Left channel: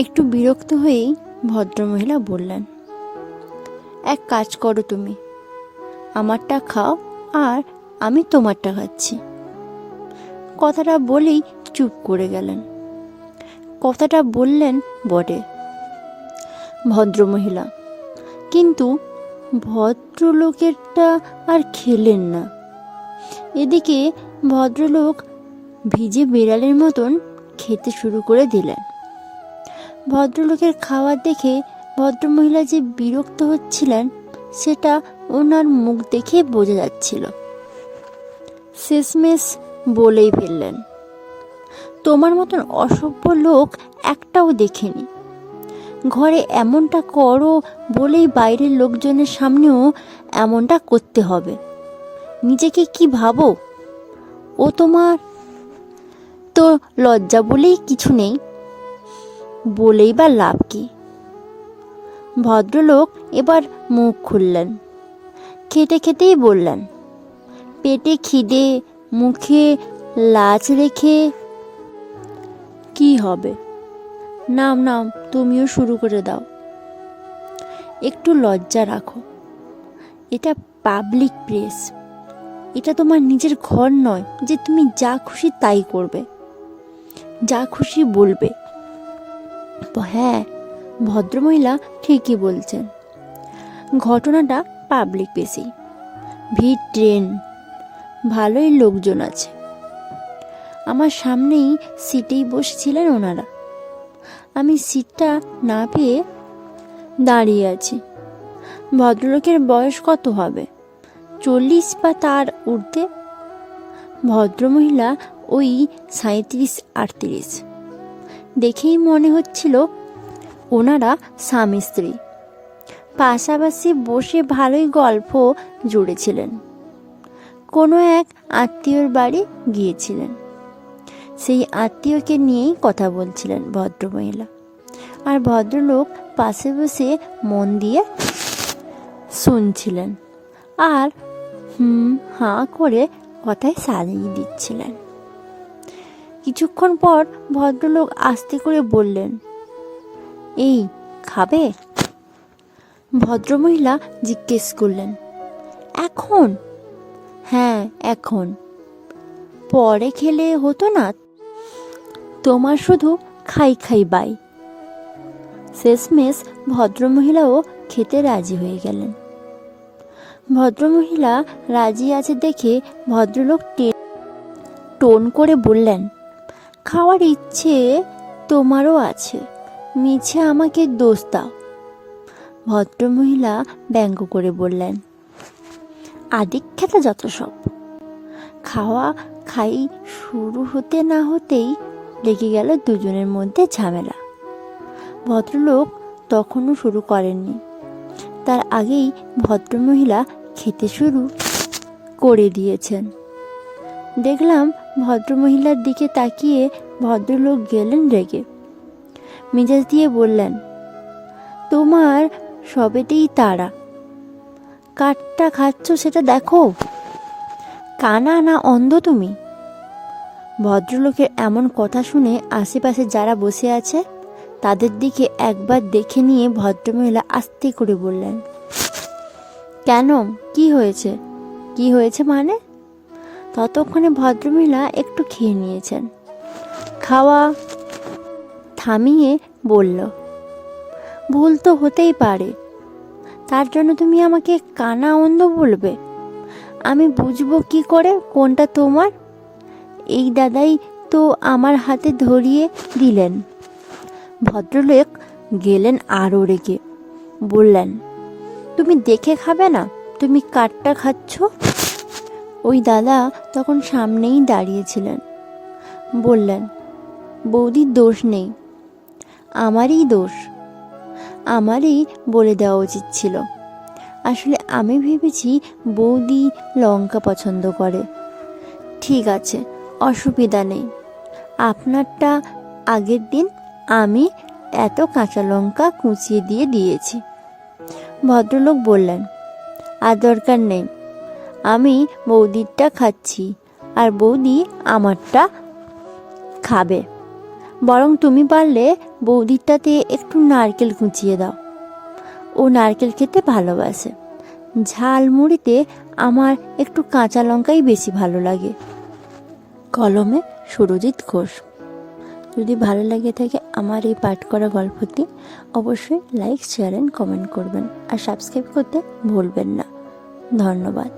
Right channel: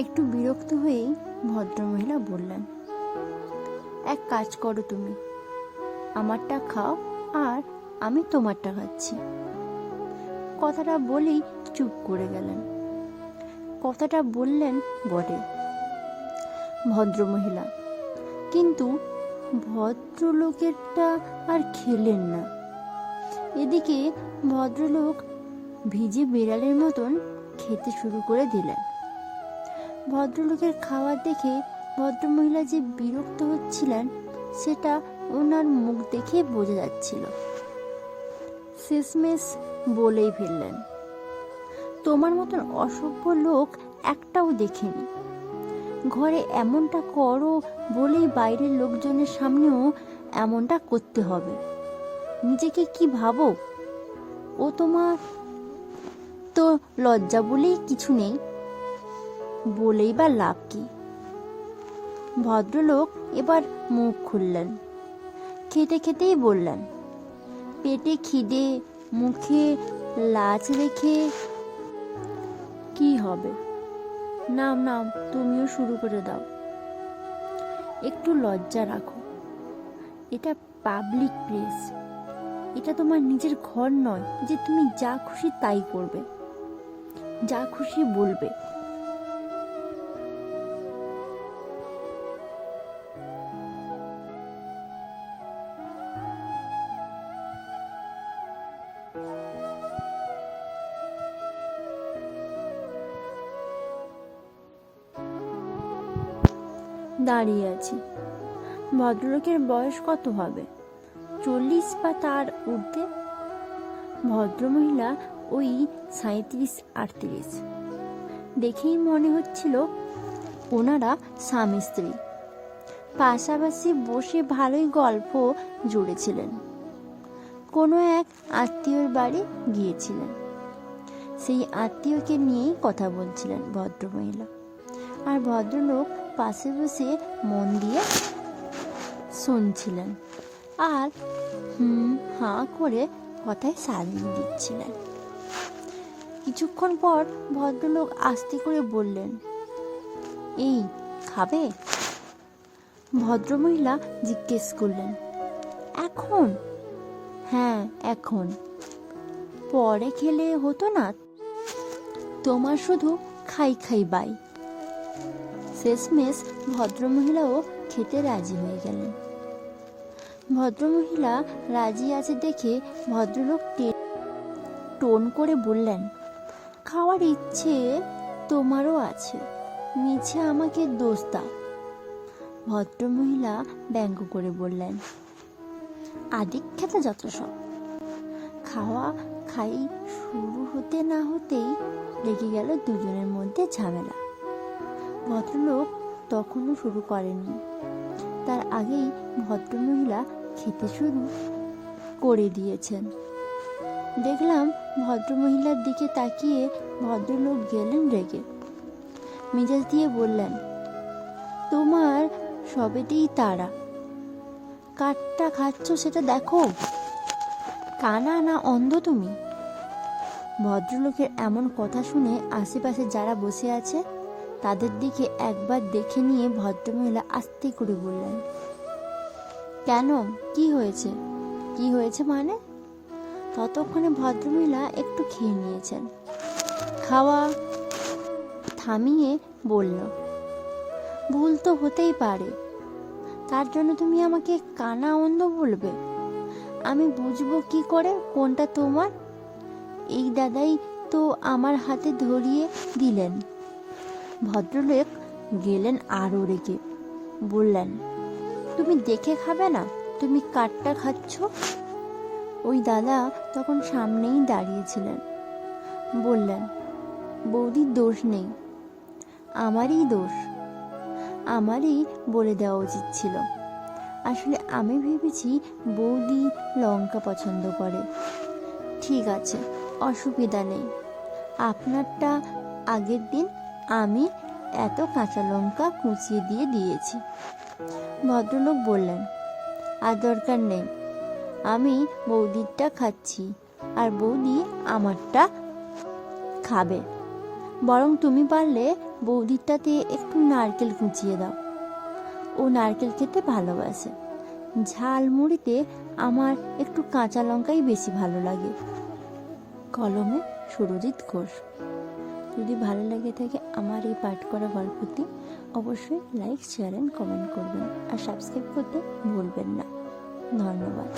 একটু বিরক্ত হয়েই ভদ্রমহিলা বললেন, এক কাজ করো, তুমি আমারটা খাও আর আমি তোমারটা খাচ্ছি। কথাটা বলেই চুপ করে গেলেন। কথাটা বললেন বটে ভদ্রমহিলা, কিন্তু ভদ্রলোকেরটা আর খেলেন না। এদিকে ভদ্রলোক ভিজে বিড়ালের মতন খেতে শুরু করে দিলেন। ভদ্রলোকের খাবার দেখে ভদ্রমহিলা যে বিরক্ত হচ্ছিলেন সেটা ওনার মুখ দেখে বোঝা যাচ্ছিল। শেষমেশ বলেই ফেললেন, তোমার মতন অসভ্য লোক একটাও দেখিনি। ঘরে এমনটা করো বলেই বাইরের লোকজনের সামনেও এমনটা করতে হবে। নিজেকে কি ভাবো? ও তোমার তো লজ্জা বলেই কিছু নেই, বলেই বা লাভ কি? ভদ্রলোক এবার মুখ খুললেন। খেতে খেতেই বললেন, পেটে খিদে, মুখে লাজ রেখে কি হবে? নাম নাম, তুমিও শুরু করে দাও। একটু লজ্জা রাখো, এটা পাবলিক প্লেস। এটা তোমার নিজের ঘর নয় যে তুমি যা খুশি তাই করবে, যা খুশি বলবে। হ্যাঁ, ভদ্রমহিলা ঠিকই বলছেন। ঘটনাটা পাবলিক প্লেসেই, ভিড়, ট্রেন, ভালোই লোকজন আছে। আমার সামনেই সিটেই বসেছিলেন ওনারা। আমি সিটটা না পেয়ে দাঁড়িয়ে আছি। ভদ্রলোকের বয়স কত হবে? 40 বা তার ঊর্ধ্বে। ভদ্রমহিলা ওই 37-38। দেখেই মনে হচ্ছিল ওনারা স্বামী স্ত্রী পাশাপাশি বসে ভালোই গল্প জুড়েছিলেন। কোনো এক আত্মীয়র বাড়ি গিয়েছিলেন, সেই আত্মীয়কে নিয়েই কথা বলছিলেন ভদ্রমহিলা। আর ভদ্রলোক পাশে বসে মন দিয়ে শুনছিলেন আর হাঁ করে কথায় সালিয়ে দিচ্ছিলেন। কিছুক্ষণ পর ভদ্রলোক আস্তে করে বললেন, এই খাবে? ভদ্রমহিলা জিজ্ঞেস করলেন, এখন? হ্যাঁ, এখন। পরে খেলে হতো না? তোমার শুধু খাই খাই বাই। শেষমেশ ভদ্রমহিলাও খেতে রাজি হয়ে গেলেন। ভদ্রমহিলা রাজি আছে দেখে ভদ্রলোক টোন করে বললেন, খাওয়ার ইচ্ছে তোমারও আছে, মিছে আমাকে দোষ দাও। ভদ্রমহিলা ব্যঙ্গ করে বললেন, আদিক্ষেতা যত সব। খাওয়া খাই শুরু হতে না হতেই লেগে গেল দুজনের মধ্যে ঝামেলা। ভদ্রলোক তখনও শুরু করেননি, তার আগেই ভদ্রমহিলা খেতে শুরু করে দিয়েছেন। দেখলাম ভদ্রমহিলার দিকে তাকিয়ে ভদ্রলোক গেলেন রেগে। মেজাজ দিয়ে বললেন, তোমার সবেতেই তাড়া, কাঠটা খাচ্ছ সেটা দেখো। কানা না অন্ধ তুমি? ভদ্রলোকের এমন কথা শুনে আশেপাশে যারা বসে আছে তাদের দিকে একবার দেখে নিয়ে ভদ্রমহিলা আস্তে করে বললেন, কেন, কি হয়েছে? কি হয়েছে মানে? ততক্ষণে ভদ্রমহিলা একটু খেয়ে নিয়েছেন। খাওয়া থামিয়ে বলল, ভুল তো হতেই পারে, তার জন্য তুমি আমাকে কানা অন্ধ বলবে? আমি বুঝবো কি করে কোনটা তোমার? এই দাদাই তো আমার হাতে ধরিয়ে দিলেন। ভদ্রলোক গেলেন আরও রেগে, বললেন, তুমি দেখে খাবে না? তুমি কাঠটা খাচ্ছ। ওই দাদা তখন সামনেই দাঁড়িয়েছিলেন। বললেন, বৌদির দোষ নেই, আমারই দোষ। আমারই বলে দেওয়া উচিত ছিল। আসলে আমি ভেবেছি বৌদি লঙ্কা পছন্দ করে। ঠিক আছে, অসুবিধা নেই। আপনারটা আগের দিন আমি এত কাঁচা লঙ্কা কুচিয়ে দিয়ে দিয়েছি। ভদ্রলোক বললেন, আর দরকার নেই, আমি বৌদিরটা খাচ্ছি আর বৌদি আমারটা খাবে। বরং তুমি পারলে বৌদিরটাতে একটু নারকেল কুচিয়ে দাও। ও নারকেল খেতে ভালোবাসে। ঝালমুড়িতে আমার একটু কাঁচা লঙ্কাই বেশি ভালো লাগে। কলমে সুরজিৎ ঘোষ। যদি ভালো লাগে থাকে আমার এই পাঠ করা গল্পটি, অবশ্যই লাইক, শেয়ার অ্যান্ড কমেন্ট করবেন আর সাবস্ক্রাইব করতে ভুলবেন না। ধন্যবাদ।